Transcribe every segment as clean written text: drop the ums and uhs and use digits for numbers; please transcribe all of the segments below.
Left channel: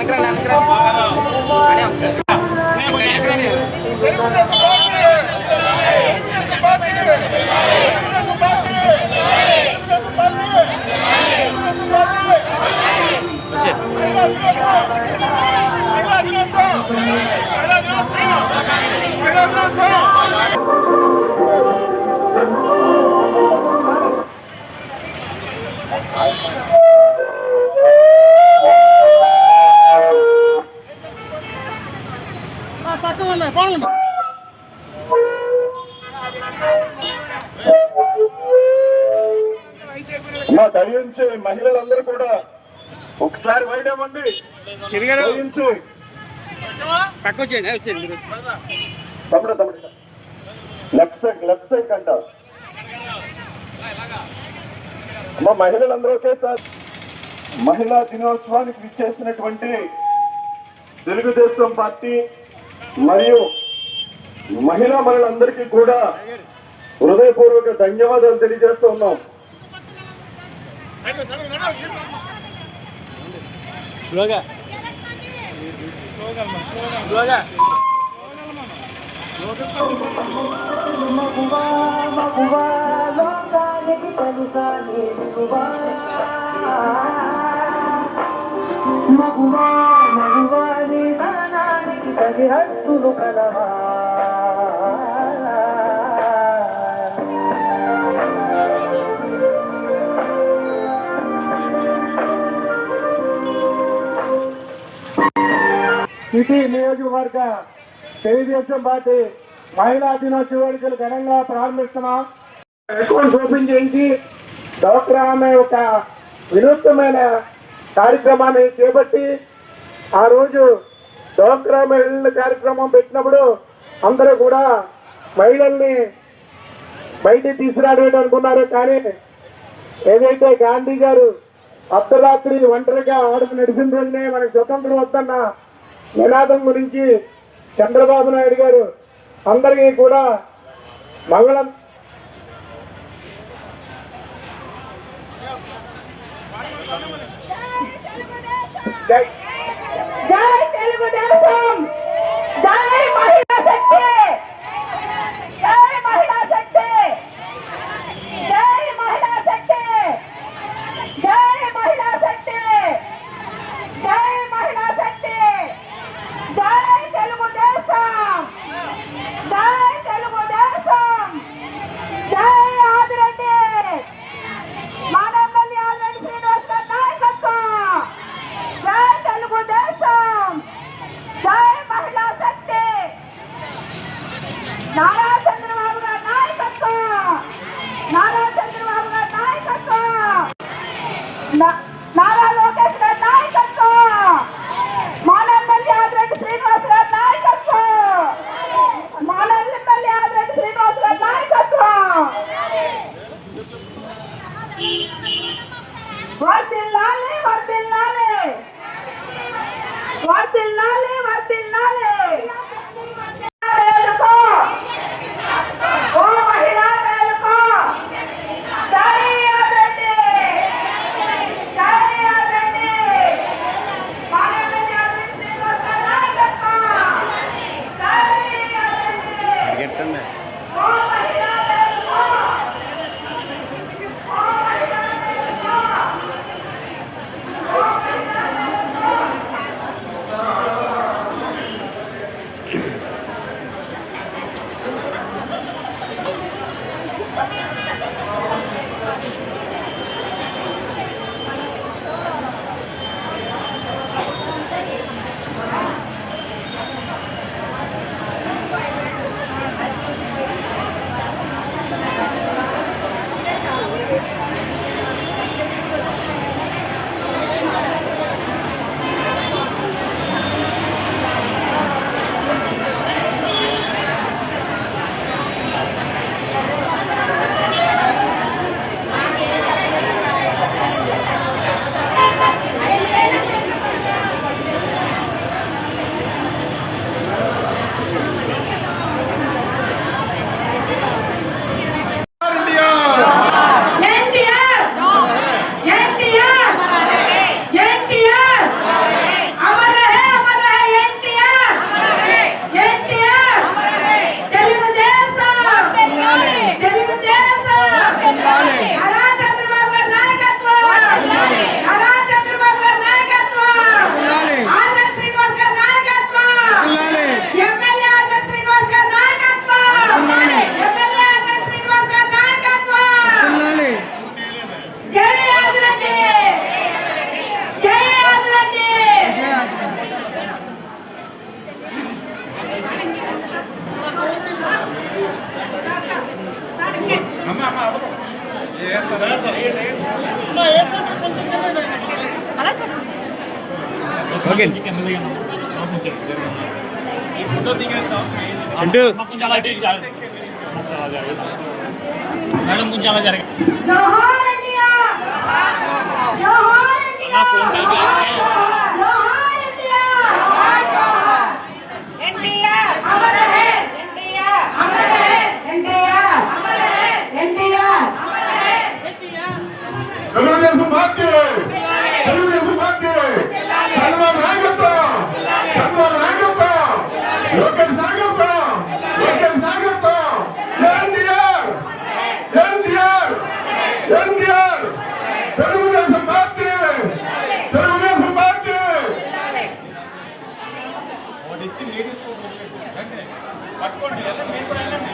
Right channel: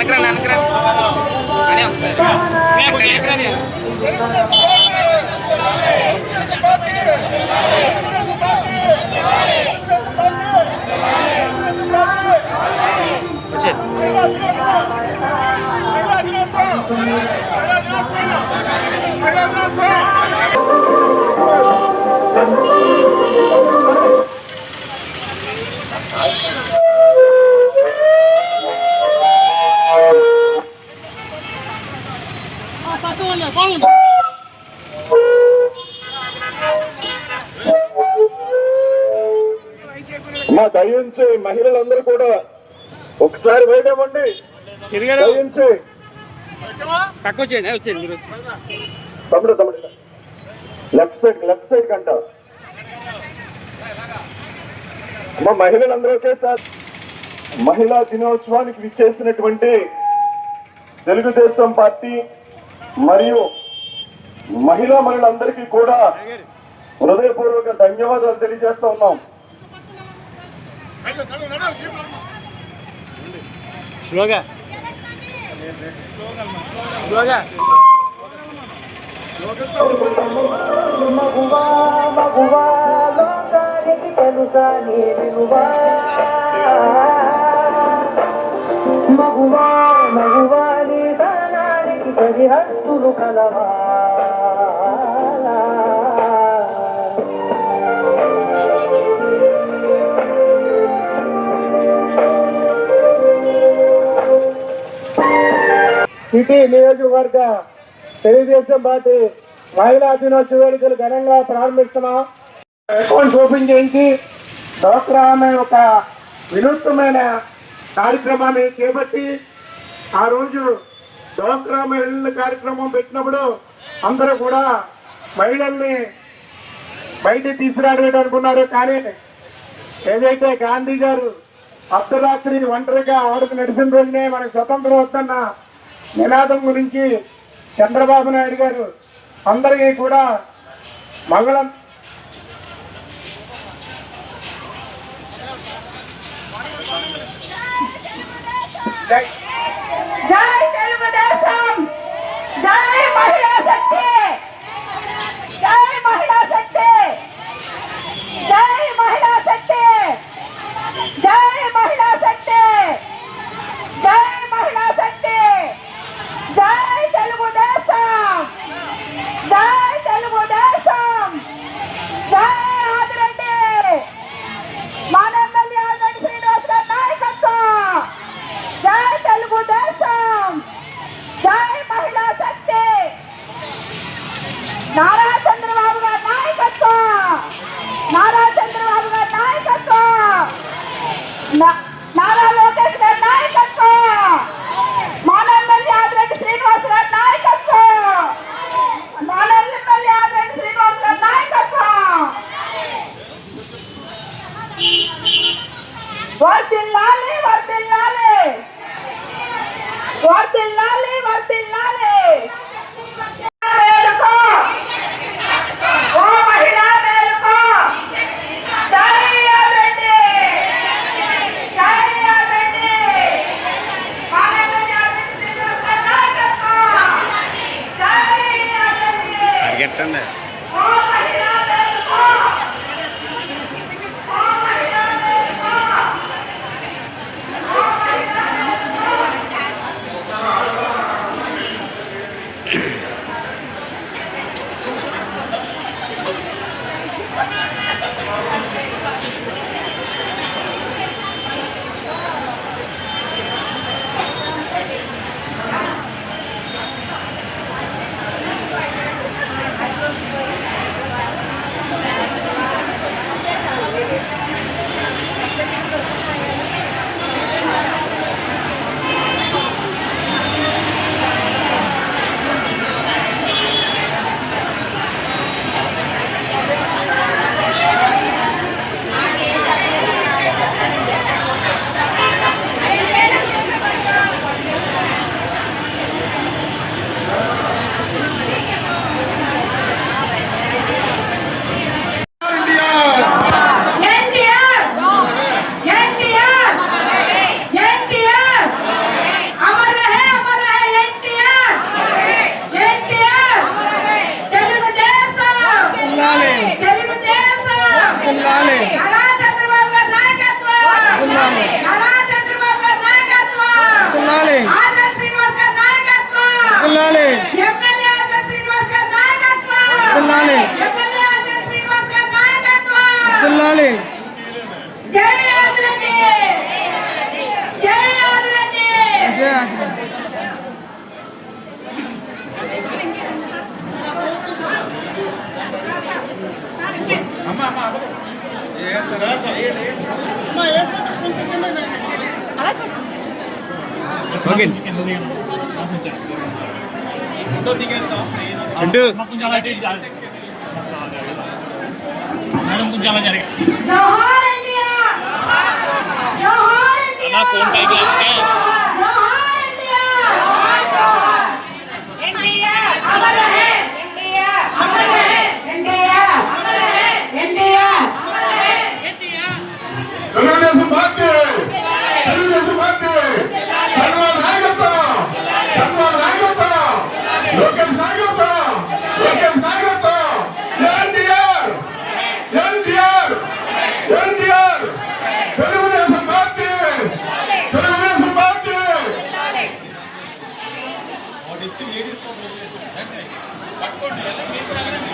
వెనకరా అని ఒకసారి మా దయించి మహిళలందరూ కూడా ఒకసారి బయట ఇవ్వండి. తమ్ముడు లెఫ్ట్ సైడ్ కంట మా మహిళలందరూ ఒకేసారి మహిళా దినోత్సవానికి విచ్చేసినటువంటి తెలుగుదేశం పార్టీ మరియు మహిళా మహిళలందరికీ కూడా హృదయపూర్వక ధన్యవాదాలు తెలియజేస్తూ ఉన్నాం. మగువాని తననానికి సరిహద్దులు కలవా సిటీ నియోజకవర్గ తెలుగుదేశం పార్టీ మహిళా దినోత్సవ వేడుకలు ఘనంగా ప్రారంభిస్తున్నాం. అకౌంట్స్ ఓపెన్ చేయించి డ్వాక్రా అనే ఒక వినూత్నమైన కార్యక్రమాన్ని చేపట్టి ఆ రోజు డ్వాక్రా మహిళల కార్యక్రమం పెట్టినప్పుడు అందరూ కూడా మహిళల్ని బయటికి తీసుకురావడం అనుకున్నారు. కానీ ఏదైతే గాంధీ గారు అర్ధరాత్రి ఒంటరిగా ఆడుకు నడిచిన రోజునే మనకు స్వతంత్రం వస్తున్న నినాదం గురించి చంద్రబాబు నాయుడు గారు అందరికీ కూడా మహిళ జై తెలుగుదేశం, జై మహిళా శక్తి, జై మహిళా శక్తి, జై మహిళా శక్తి, జై మహిళా శక్తి, జై మహిళా శక్తి, జై తెలుగుదేశం, జై తెలుగుదేశం, జై ఆదిరెడ్డి మన ఎమ్మెల్యే ఆదిరెడ్డి శ్రీనివాస్ గారి నాయకత్వం, జై తెలుగుదేశం, జై మహిళా శక్తి, నారా చంద్రబాబు గారి నాయకత్వం, నారా చంద్రబాబు గారి నాయకత్వం, నారా లోకేష్ గారి నాయకత్వం, మన ఎమ్మెల్యే ఆదిరెడ్డి శ్రీనివాస్ గారి నాయకత్వం, మన ఎమ్మెల్యే ఆదిరెడ్డి శ్రీనివాస్ గారి నాయకత్వం, వర్ధిల్లాలి వర్ధిల్లాలి వర్ధిల్లాలి వర్ధిల్లాలి. మేలుకో ఓ మహిళా మేలుకో, జై ఆదిరెడ్డి, జై ఆదిరెడ్డి, మన ఎమ్మెల్యే ఆదిరెడ్డి శ్రీనివాస్ గారి నాయకత్వం, జై ఆదిరెడ్డి. ఓ మహిళా మేలుకో, ఓ మహిళా మేలుకో, ఓ మహిళా ఓకే చింటూ మేడం కొంచెం అలా జరిగింది జోహార్ ఇండియా జోహార్ ఇండియా ఫోన్ పైకి జోహార్ ఇండియా ఇండియా అమర్ రహే ఇండియా అమర్ రహే ఇండియా అమర్ రహే ఇండియా అమర్ రహే India Telugu Desam party Telugu Desam party Chandrababu నాయకత్వం చంద్రబాబు నాయకత్వం లోకేష్ నాయకత్వం లోకేష్ నాయకత్వం ఎన్టీఆర్ ఎన్టీఆర్ ఎన్టీఆర్ తెలుగుదేశం పార్టీ తెలుగుదేశం పార్టీ పట్టుకోండి మీరు కూడా వెళ్ళండి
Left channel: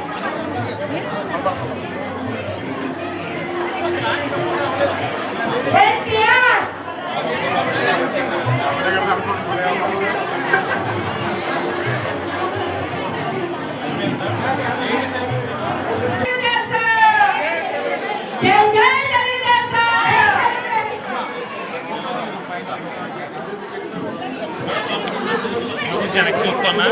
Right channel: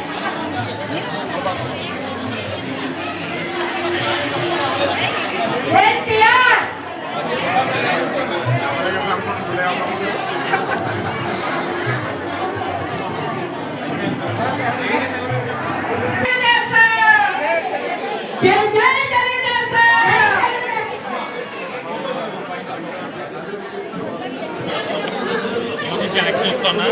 ఎన్టీఆర్ జై జై జాకెట్ చూసుకున్నా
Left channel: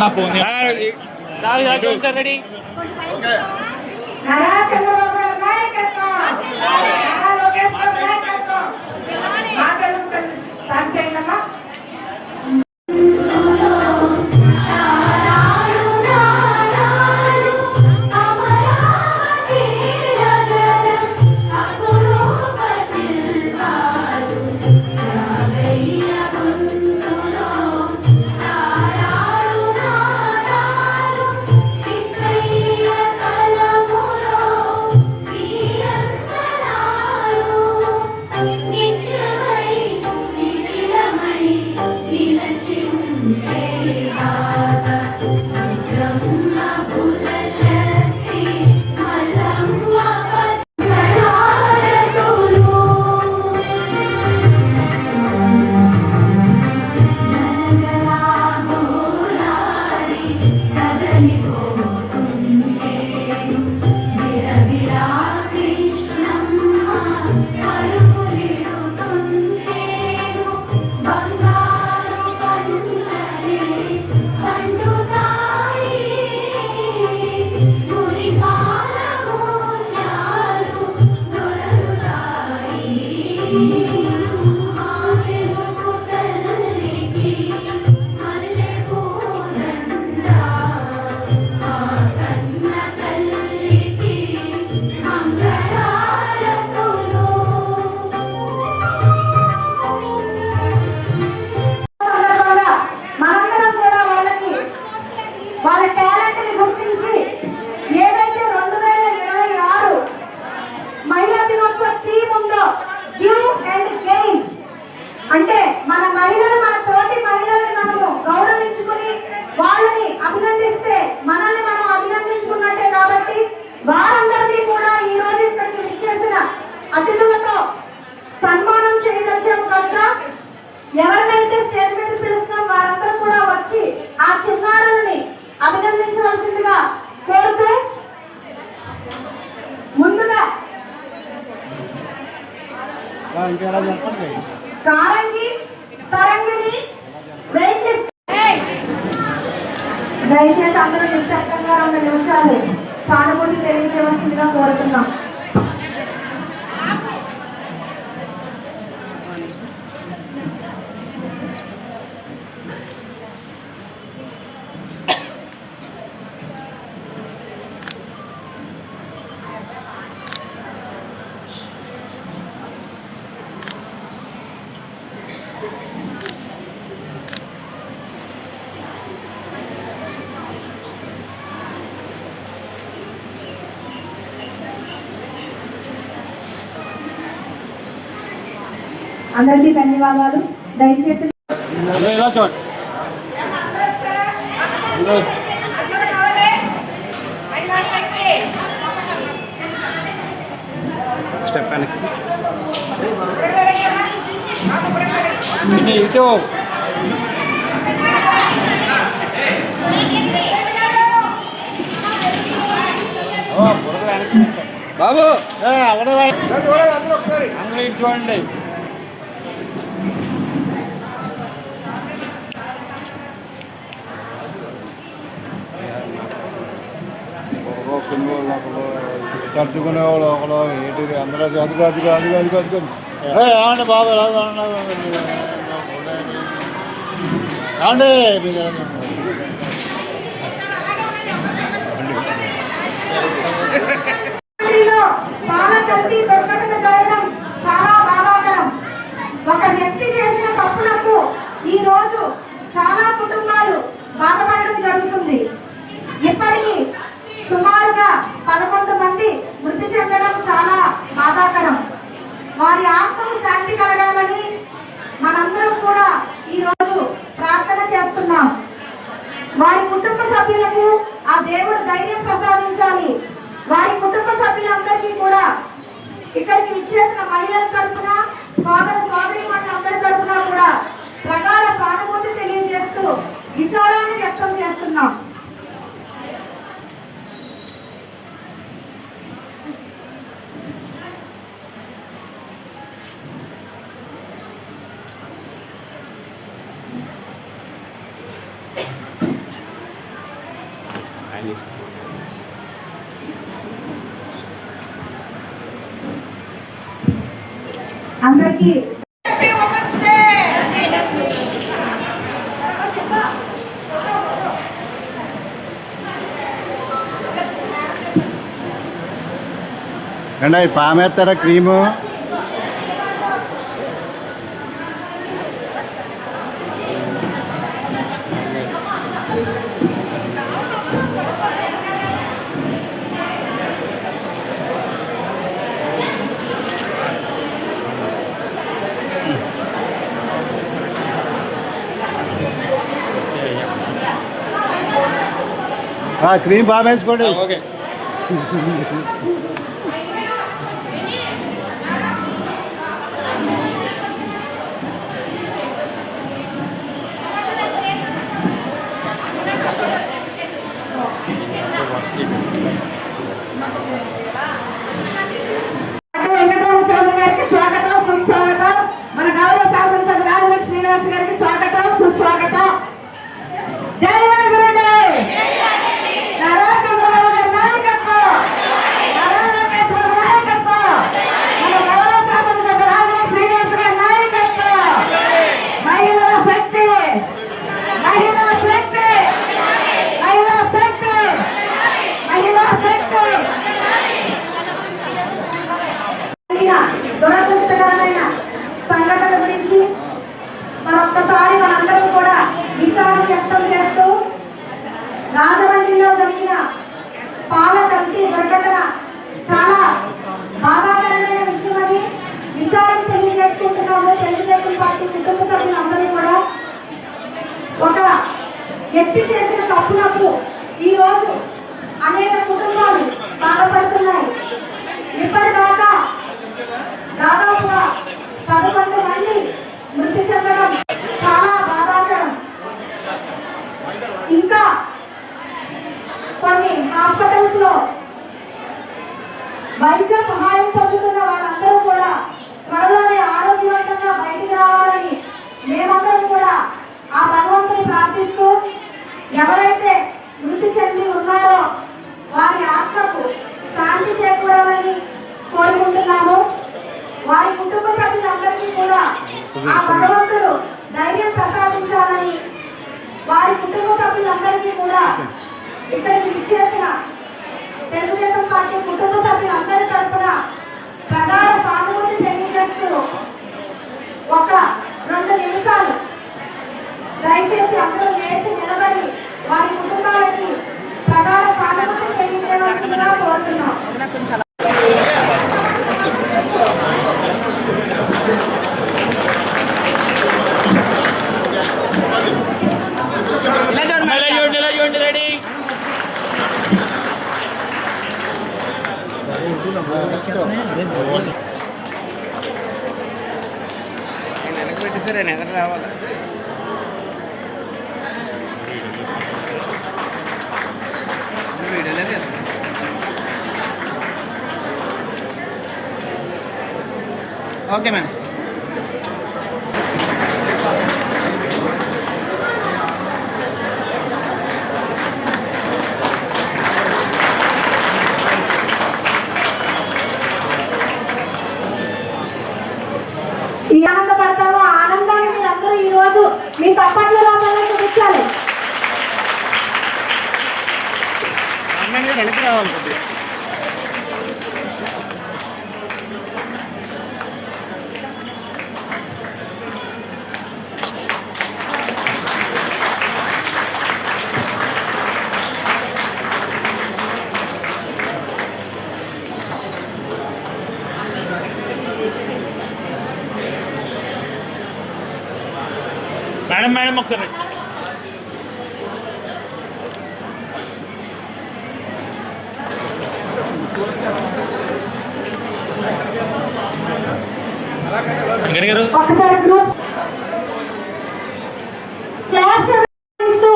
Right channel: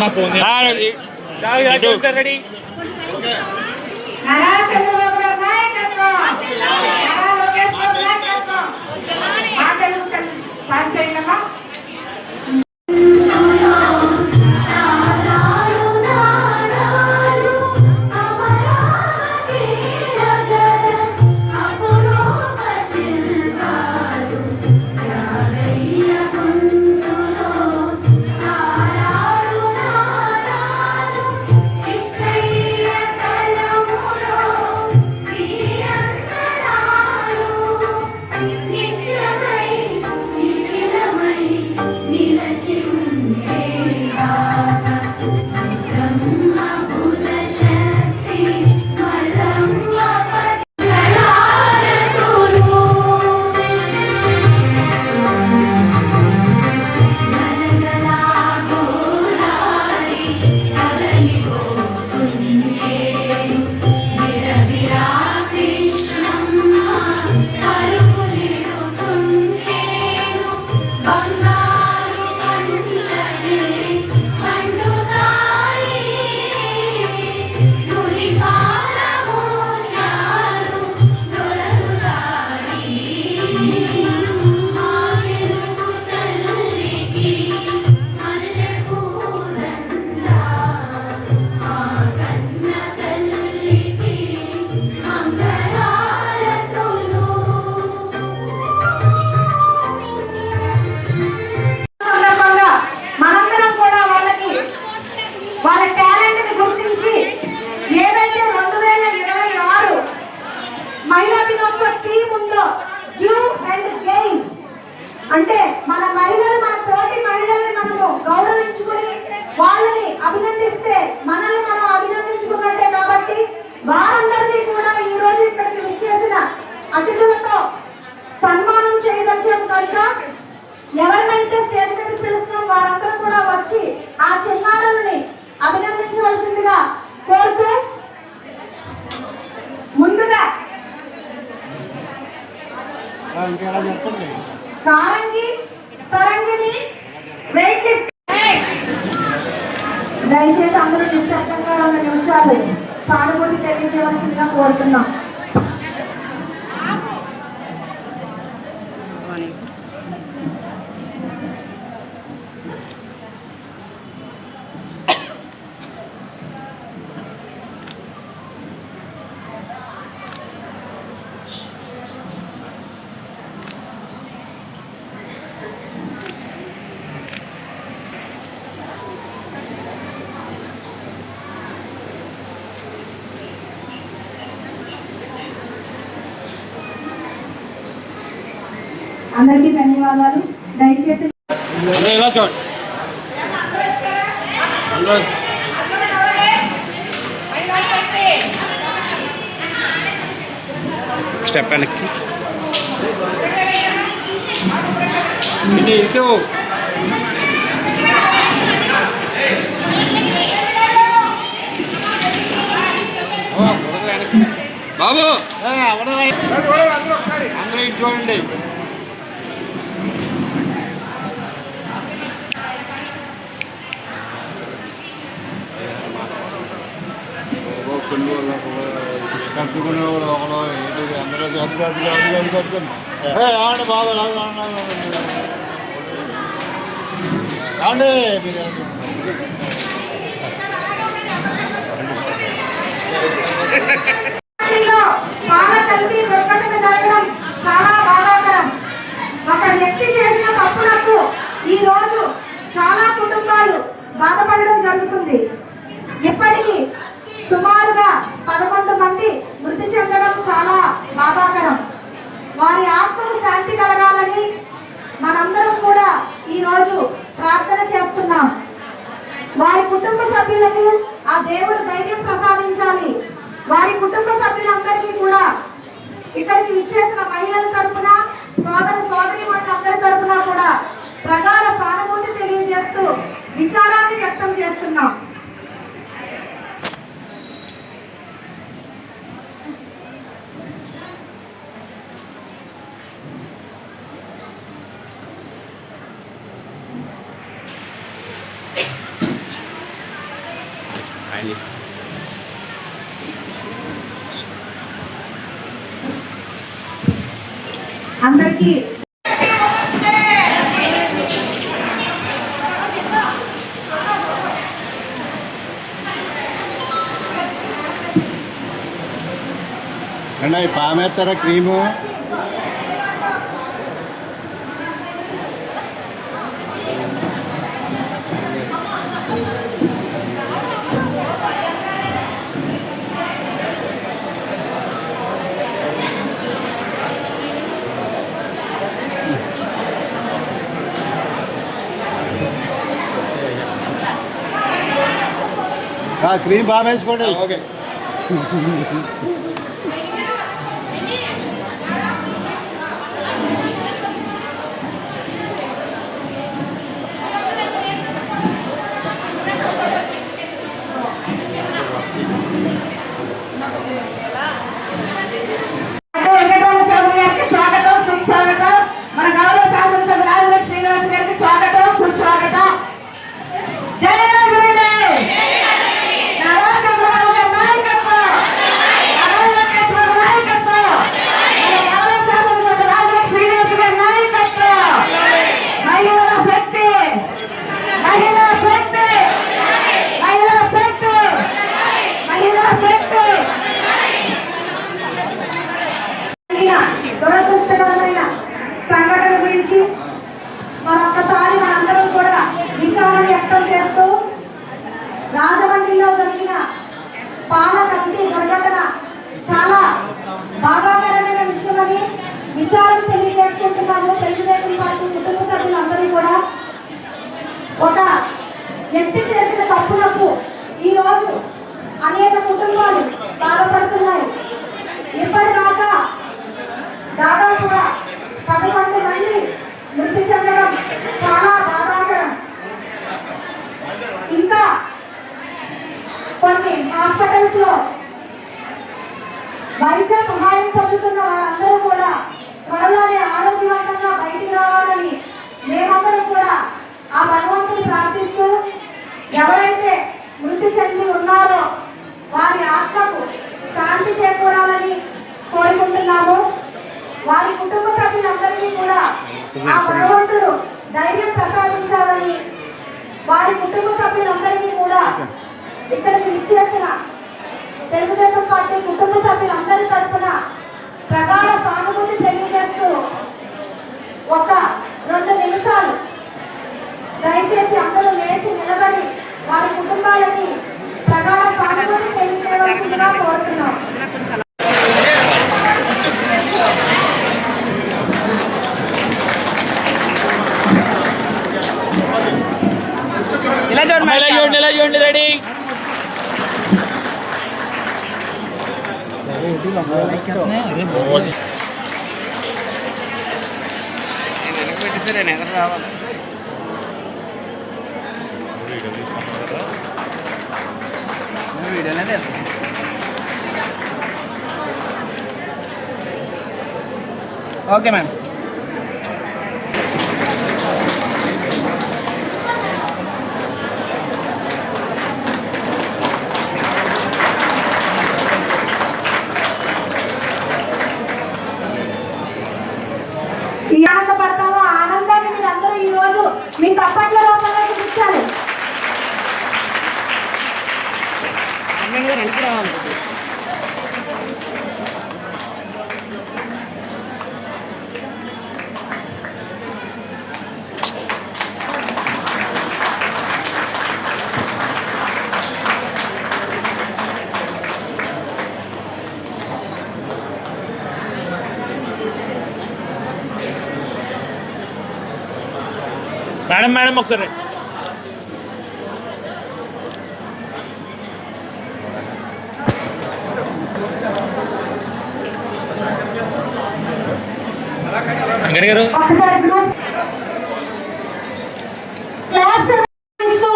నా ఫోన్ రెడీ నారా చంద్రబాబు గారి నాయకత్వం నారా లోకేష్ గారి నాయకత్వం మా తెలుగు సాక్షిగా అంటే మన మహిళలు మన తోటి మహిళల్ని మనము గౌరవించుకుని వాళ్ళని అభినందిస్తే మనల్ని మనం అభినందించుకున్నట్టే కాబట్టి వారందరినీ కూడా ఈ రోజు ఇక్కడికి విచ్చేసిన అతిథులతో సన్మానం చేయదచ్చాం కనుక ఎవరినైతే స్టేజ్ మీద పిలుస్తున్నాం వారందరూ కూడా వచ్చి ఆ చిన్నారులని అభినందించవలసిందిగా కోరుతూ ముందుగా కారంగి తరంగిని వెయిట్ దయచేసి అందరూ నిశ్శబ్దంగా 2 నిమిషాలు సానుభూతి తెలియజేయవలసిందిగా కోరుతున్నాం. అందరికీ ధన్యవాదాలు. దయచేసి స్టెప్ వెనక్కి బాబు చూడండి. కట్టుకునేవాడు ఒకడు ఏంటిది అందులో అది కట్టుకుని ఏమండి బాబు అండి పాల కల్తీ దుర్ఘటన జరగడం చాలా బాధాకరం. ఒక వ్యక్తి చేసిన తప్పులకు ఈ రోజు చాలా కుటుంబాలు బాధపడడం జరుగుతుంది. ఇప్పటికీ సుమారుగా 11 మంది మృతి చెందడం చాలా బాధాకరం. వారి ఆత్మకు శాంతి కలగాలని మనందరం కూడా ఈ రోజు ప్రార్థన చేస్తున్నాం. వారి కుటుంబ సభ్యులకు ఆ దేవుడు ధైర్యం ప్రసాదించాలి. వారి కుటుంబ సభ్యులందరికీ కూడా ఇక్కడికి విచ్చేసిన మహిళల తరఫున సోదరీమణులందరి తరఫున కూడా ప్రగాఢ సానుభూతి తెలియజేస్తూ విచారాన్ని వ్యక్తం చేస్తున్నాం. అందరికీ అండి పామేస్తారా క్రీము క్రీమ్ బాగా వేసుకోండి. ఓకే స్వాగతం సుస్వాగతం. మన గౌరవ శాసనసభ్యులు రాజలక్ష్మి శ్రీనివాస్ గారికి స్వాగతం సుస్వాగతం. జై ఆంధ్రప్రదేశ్. దురదృష్టకరమైన సంఘటన గురించి మరొక్కసారి మనందరం కూడా విచారణ వ్యక్తం చేస్తూ రాజమండ్రిలో జరిగిన పాల కల్తీ దుర్ఘటన చాలా బాధాకరమైన విషయమని విచారణ తెలియజేసుకుంటున్నాము. తెలుగుదేశం పార్టీ కుటుంబ సభ్యులందరూ కూడా ఒక వ్యక్తి చేసిన తప్పులకు ఈ రోజు అనేక కుటుంబాలు బాధపడుతున్నాయి. ఇప్పటిదాకా దాదాపుగా 11 మంది మృతి చెందడం చాలా బాధాకరం. ఇంకా కొన్ని హాస్పిటల్స్ లో వైద్య సహాయం పొందుతున్న వాళ్ళందరూ కూడా త్వరలోనే ఆరోగ్యవంతంగా బయటికి రావాలని మేమందరం కూడా ఆ భగవంతుని ప్రార్థిస్తూ ఎవరైతే మృతి చెంది ఉన్నారో వారి ఆత్మకు శాంతి చేకూరాలని కోరుకుంటున్నాము. వారి కుటుంబ సభ్యులందరికీ కూడా ఆ భగవంతుడు ధైర్యం ప్రసాదించాలని వారి కుటుంబ సభ్యులందరికీ కూడా ఇక్కడికి విచ్చేసిన తెలుగుదేశం పార్టీ కుటుంబ సభ్యులందరి తరఫున ప్రగాఢ సానుభూతి తెలియజేస్తూ ఒక 2 నిమిషాలు దయచేసి అందరూ లేచి నిలబడి వారి కుటుంబాలకి ప్రగాఢ సానుభూతి తెలియజేయవలసిందిగా కోరుతున్నాం. ఇలా చూడండి రెడీ. నేను వెనక్కి పెట్టేసరి నేను ఎదురు రావాలి. వీడియోనే ఓకే మేడం. ఈ ఆనందపడతాము. ఆ ఆనందాన్ని మీరు అందరూ ఈ రోజు మీ తప్పట్ల రూపంలో చూపించాలి. మేడం మేడం ఒకసారి గారు ఒకసారి గ్రూప్ క్లాప్స్ ఇస్తూ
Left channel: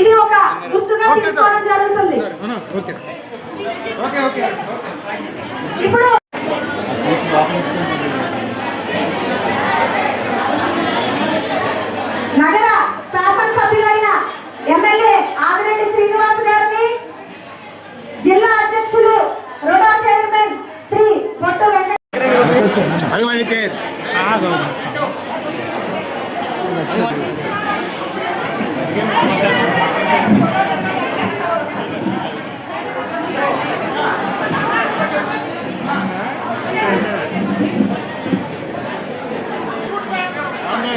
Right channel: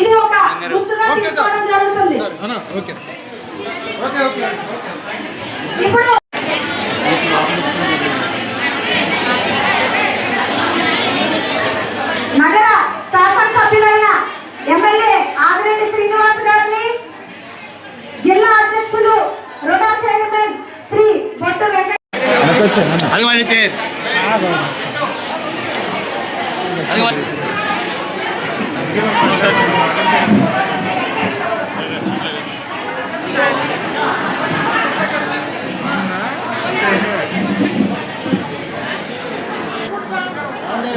ఇది ఒక గుర్తుగా తీసుకోవడం జరుగుతుంది. ఇప్పుడు నగర శాసనసభ్యులైన ఎమ్మెల్యే ఆదిరెడ్డి శ్రీనివాస్ గారిని, జిల్లా అధ్యక్షులు రుడా చైర్మన్ శ్రీ బొట్టు వెంకట అది వాళ్ళకి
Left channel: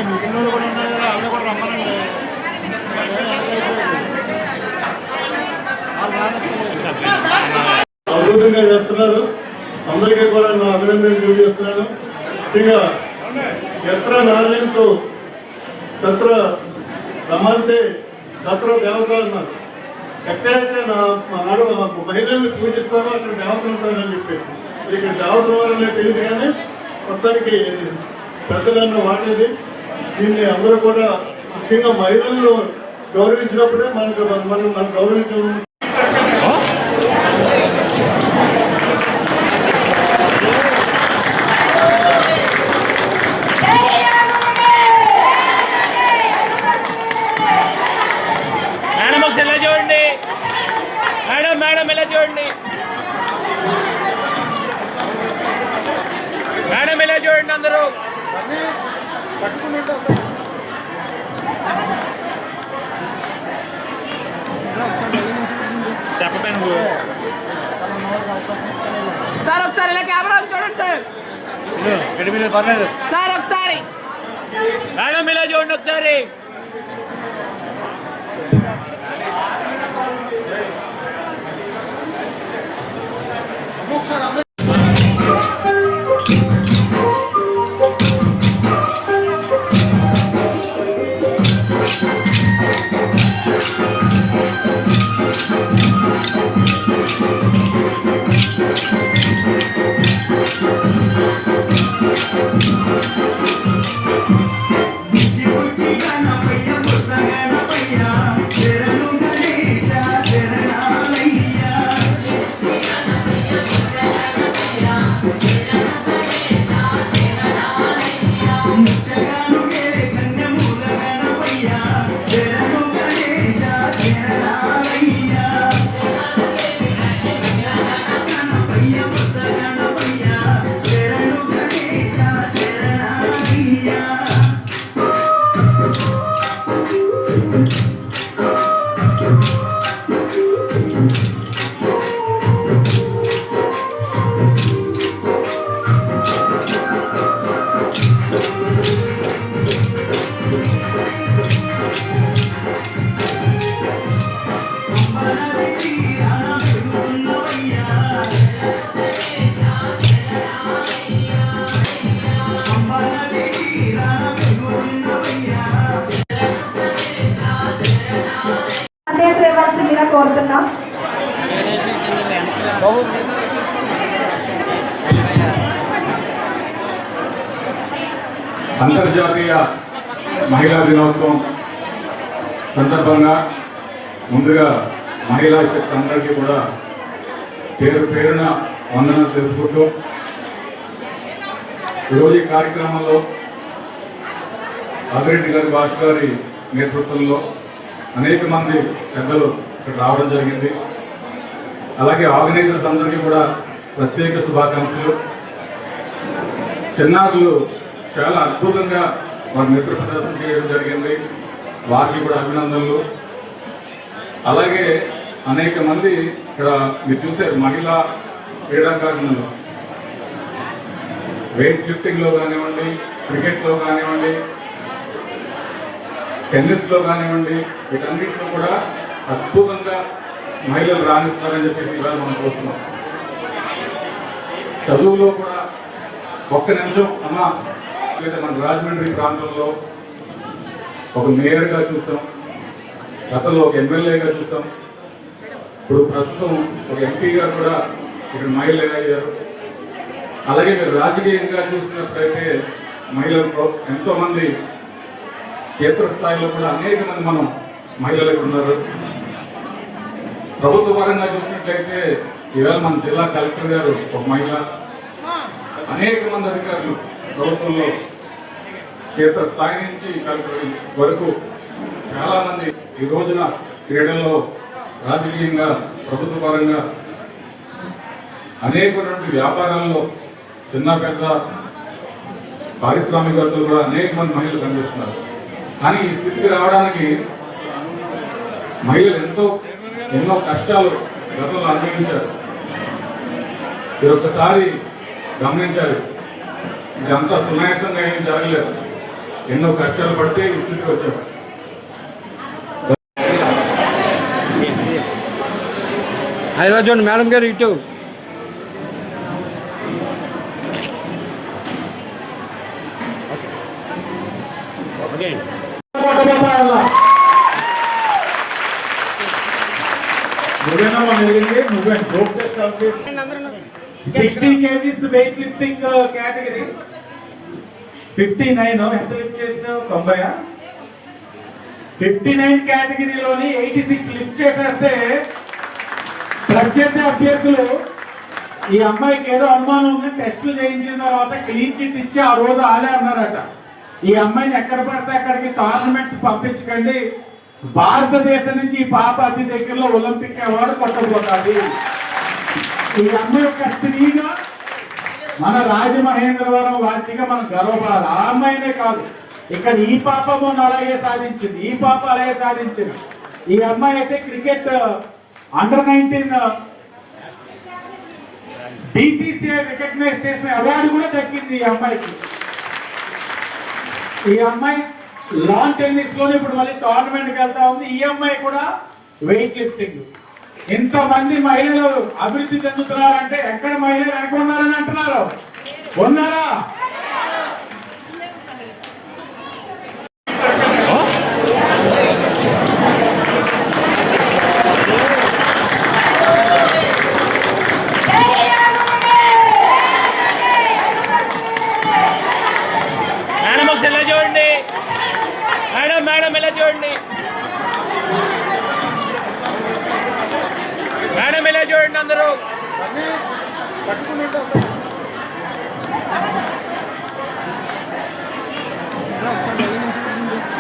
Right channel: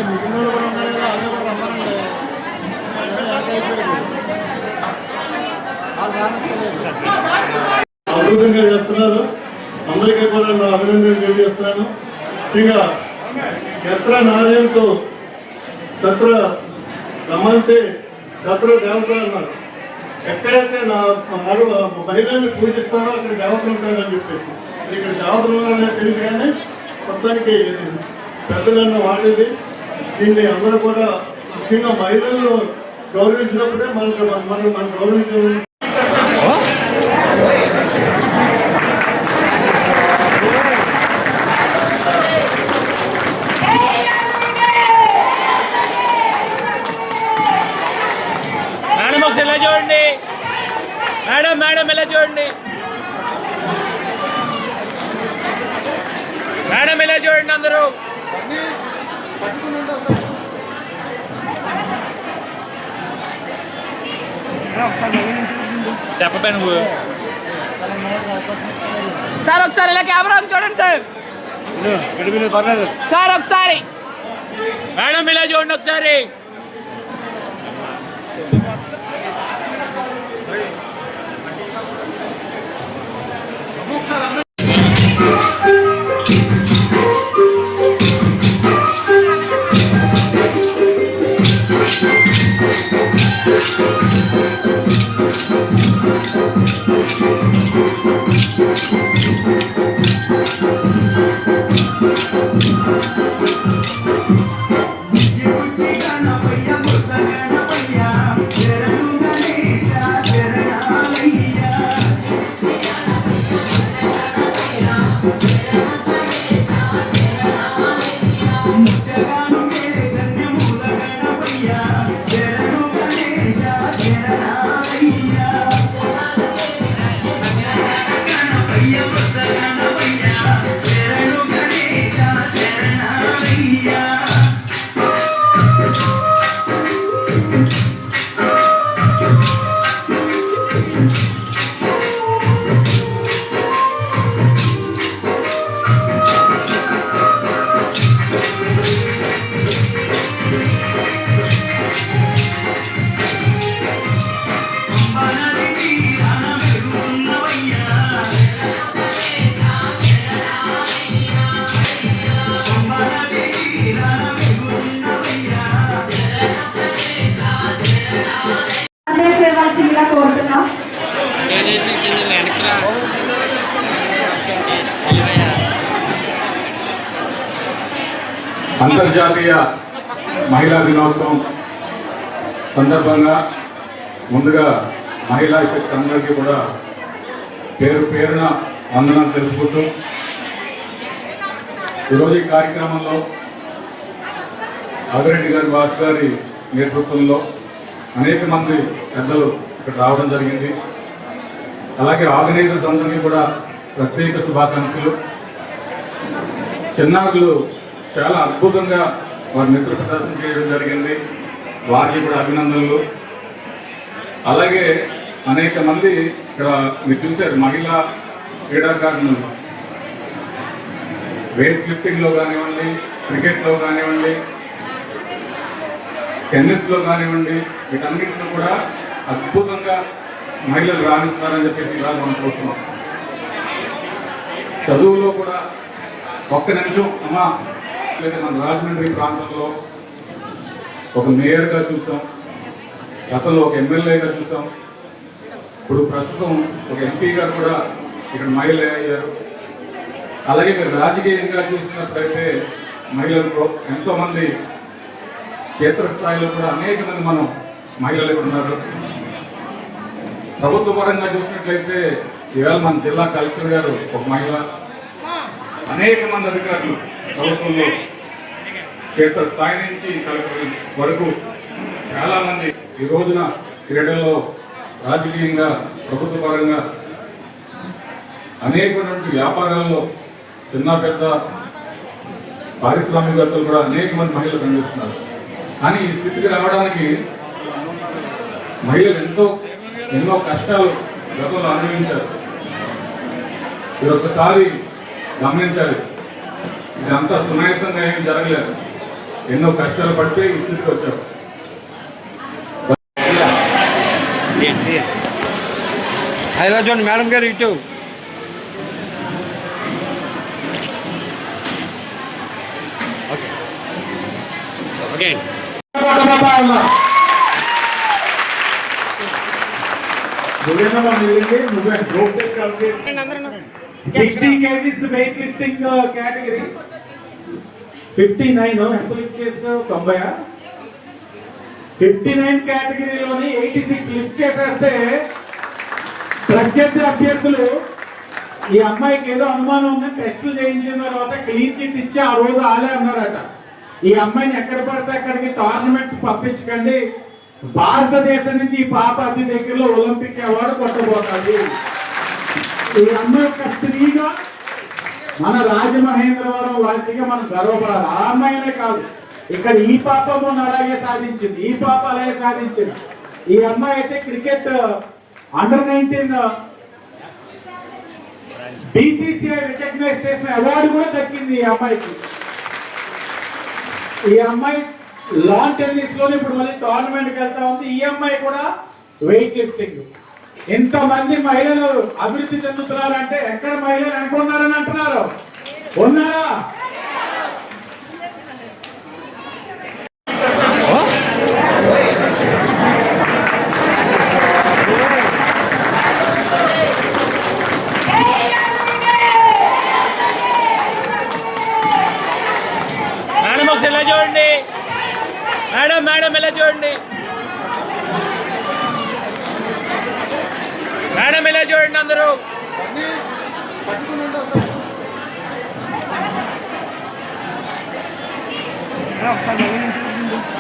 మిగిలిన వాళ్ళు కూడా ఉన్నారు కదా, అన్నీ కూడా రమ్మనండి. అద్భుతంగా చేస్తున్నారు. అందరికీ కూడా నా అభినందనలు తెలియజేస్తున్నాను. ఇంకా ఎత్ర నారాయణతో తత్ర రమ్మంతే తత్ర దేవత అన్నారు. ఎక్కడైతే నా ఆడ మహిళల్ని పూజిస్తారో అక్కడ దేవతలు ఉంటారని చెప్పేసి ఇక్కడ దేవతలు ఉన్నారనే తెలియదు, కానీ మొత్తానికి పెద్దలన్న వాడేది. దీన్ని అందరూ కూడా ముఖ్యంగా మహిళలను గౌరవించినప్పుడే మనం గౌరవించడం. మేడం ఒకసారి ఎలా చూడండి మేడం, మేడం ఎలా చూడండి మేడం, ఎలా చూడండి అందరూ. చెప్పపై నువ్వు సార్ ఒకసారి ఇలా కెమెరా చూడండి సార్. పర్లేదు సార్ ఒకసారి మేడం ఇలా చూడండి ఒకసారి. చేయవలసిందిగా కోరుతున్నాం. అంతర్జాతీయ మహిళా దినోత్సవం సందర్భంగా ముందుగా మహిళా శక్తి అందరికీ కూడా పేరు పేరున వందనాలు తెలుపుకుంటూ ఈరోజు ఈ కార్యక్రమంలో ఆదిరెడ్డి గారి భాష గారి నేతృత్వంలో అనేక మంది పెద్దలు ఇక్కడ రావడం జరిగింది. అలాగే ఆర్గనైజర్స్ అందరికీ కూడా ప్రత్యేక శుభాకాంక్షలు. చిన్నారులు చాలా అద్భుతంగా వారి మిత్ర ప్రదర్శన చేయడం జరిగింది, వారికి కూడా అభినందనలు. అలాగే అనేక మంది ఇక్కడ మీరు చూశారు, మహిళా క్రీడాకారులు వెయిట్ లిఫ్టింగ్లో కానివ్వండి, క్రికెట్లో కానివ్వండి, టెన్నిస్లో కానివ్వండి, వీటన్నింటిలో కూడా అద్భుతంగా మహిళలు రాణిస్తున్నారని చెప్పేసి ఇవాళ మనం చూస్తున్నాం. చదువులో కూడా ఒక్క నిమిషం అమ్మా, లేదా మన రాజమండ్రి ప్రాంతంలో ఒక మేయర్గా చూసాం, గతంలో ఒక ఎమ్మెల్యేగా చూసాం, ఇప్పుడు ప్రస్తుతం ఒక ఎంపీ గారు కూడా ఇక్కడ మహిళ అయ్యారు. అలాగే మీరు రాజకీయంగా చూసినట్లయితే మహిళలు ఎంతోమంది క్షేత్రస్థాయిలో కూడా అనేక మంది మనం మహిళలు ఉన్నారు. ప్రభుత్వ పరంగా చూసినట్లయితే ఈవేళ మన జిల్లా కలెక్టర్ గారు ఒక మహిళ, అనేక మంది అధికారులు ప్రభుత్వంలో క్షేత్రస్థాయి నుంచి కలెక్టర్ వరకు చాలా మంది ఈ రోజున క్రీడల్లో రాజకీయంగా ప్రభుత్వ పరంగా అనేకటువంటి వ్యాపారాల్లో చిన్న పెద్ద పారిశ్రామికవేత్తలు కూడా అనేక మంది మహిళలు కనిపిస్తున్నారు. కానీ ఈ స్థితికి రావడానికి మహిళలు ఎన్నో కష్టాలు గతంలో అనుభవించారు. మీరు ఒక్కసారి గమనించాలి, ఇదంతా సునాయాసంగా ఏం జరగలేదు, ఎన్నో కష్టాలు పడితే ఈ స్థితికి వచ్చారు. చూడండి మేడం గారు ఇటు ఓకే. నువ్వేనా మిగిలింది, నువ్వే గ్రూప్ టెస్ట్ కలిపేసి 60 kgs వెయిట్ లిఫ్టింగ్ కేటగిరీ 59 ఎంత లిఫ్ట్ చేసావు? 90. 59 కేటగిరీలోని 86 లిఫ్ట్ చేసేస్తే ప్రత్యర్థి అభ్యర్థులు ఈ అమ్మాయికి ఏదో అనుమానం ఉంది, టెస్టులు చేయించిన తర్వాత క్లీన్ చిట్ ఇచ్చి ఆ రోజు ఆలే అన్నారట. ఈ అమ్మాయిని ఎక్కడ పడితే అక్కడికి టోర్నమెంట్స్ పంపించకండి, భారతదేశం నుంచి ఈ పాప అతి దగ్గరలో ఒలింపిక్ అవార్డు కొట్టబోతుంది. ఈ అమ్మాయి యొక్క స్త్రీగా మన రాజమహేంద్రవరం వాసిగా మనం గర్వపడాలి. ఆ అమ్మాయినే కాదు, ఇక్కడ ఈ పాప మొన్న అలాగే సాధించింది, ఈ పాప అలాగే సాధించింది. ఈ అమ్మాయి అయితే క్రికెట్ అండర్-19 BCCI రికగ్నైజ్ చేసిన అవార్డు కూడా దక్కింది ఈ అమ్మాయికి. ఈ అమ్మాయి లాన్ టెన్నిస్ లోనే ఇప్పుడు మళ్ళీ టోర్నమెంట్కి వెళ్తా ఉంది. ఈ అమ్మాయి కూడా వెయిట్ లిఫ్టింగ్. ఇంతమంది మహిళలు అభివృద్ధి చెందుతున్నారంటే ఎక్కడ మహిళలు అనుకున్నారని అంటున్నారు, ఉన్నారా? మేడం ఒకసారి ఎలా చూడండి, మేడం మేడం ఎలా చూడండి, మేడం ఎలా చూడండి అందరూ.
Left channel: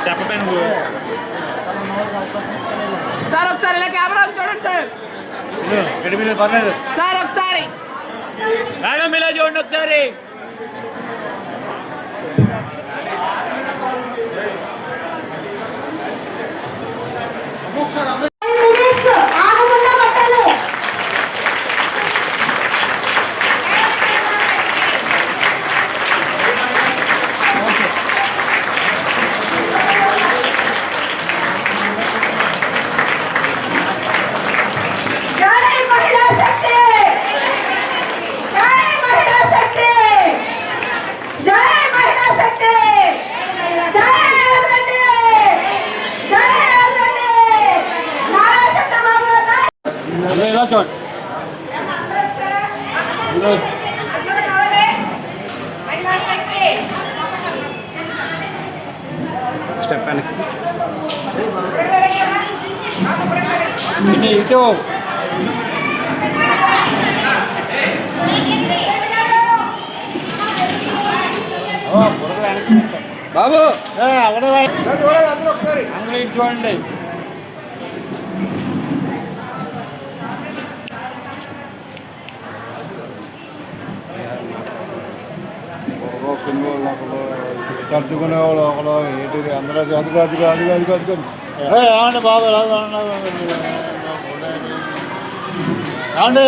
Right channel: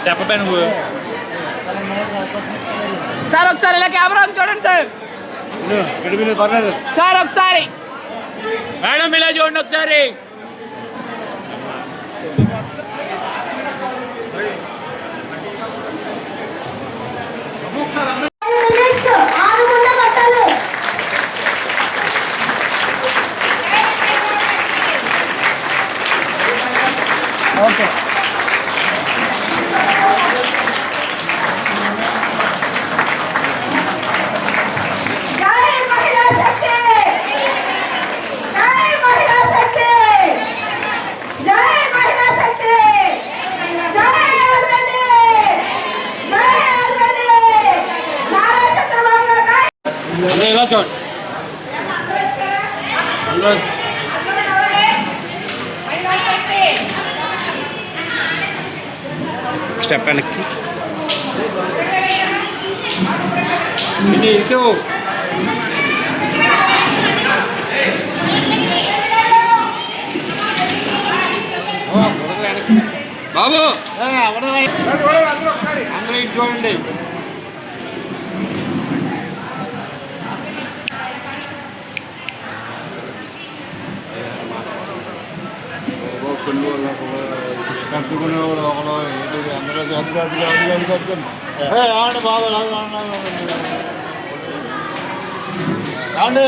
చెప్పపై నువ్వు సార్ ఒకసారి ఇలా కెమెరా చూడండి సార్, పర్లేదు సార్ ఒకసారి మేడం ఇలా చూడండి ఒకసారి. ఇలా చూడండి. స్టెప్ వెనక్కి ఇటు బాబు చూడండి కట్టుకునేవాడు ఒకడు ఏంటిది అందులో అది కట్టుకుని ఏమండి బాబు ఏమండి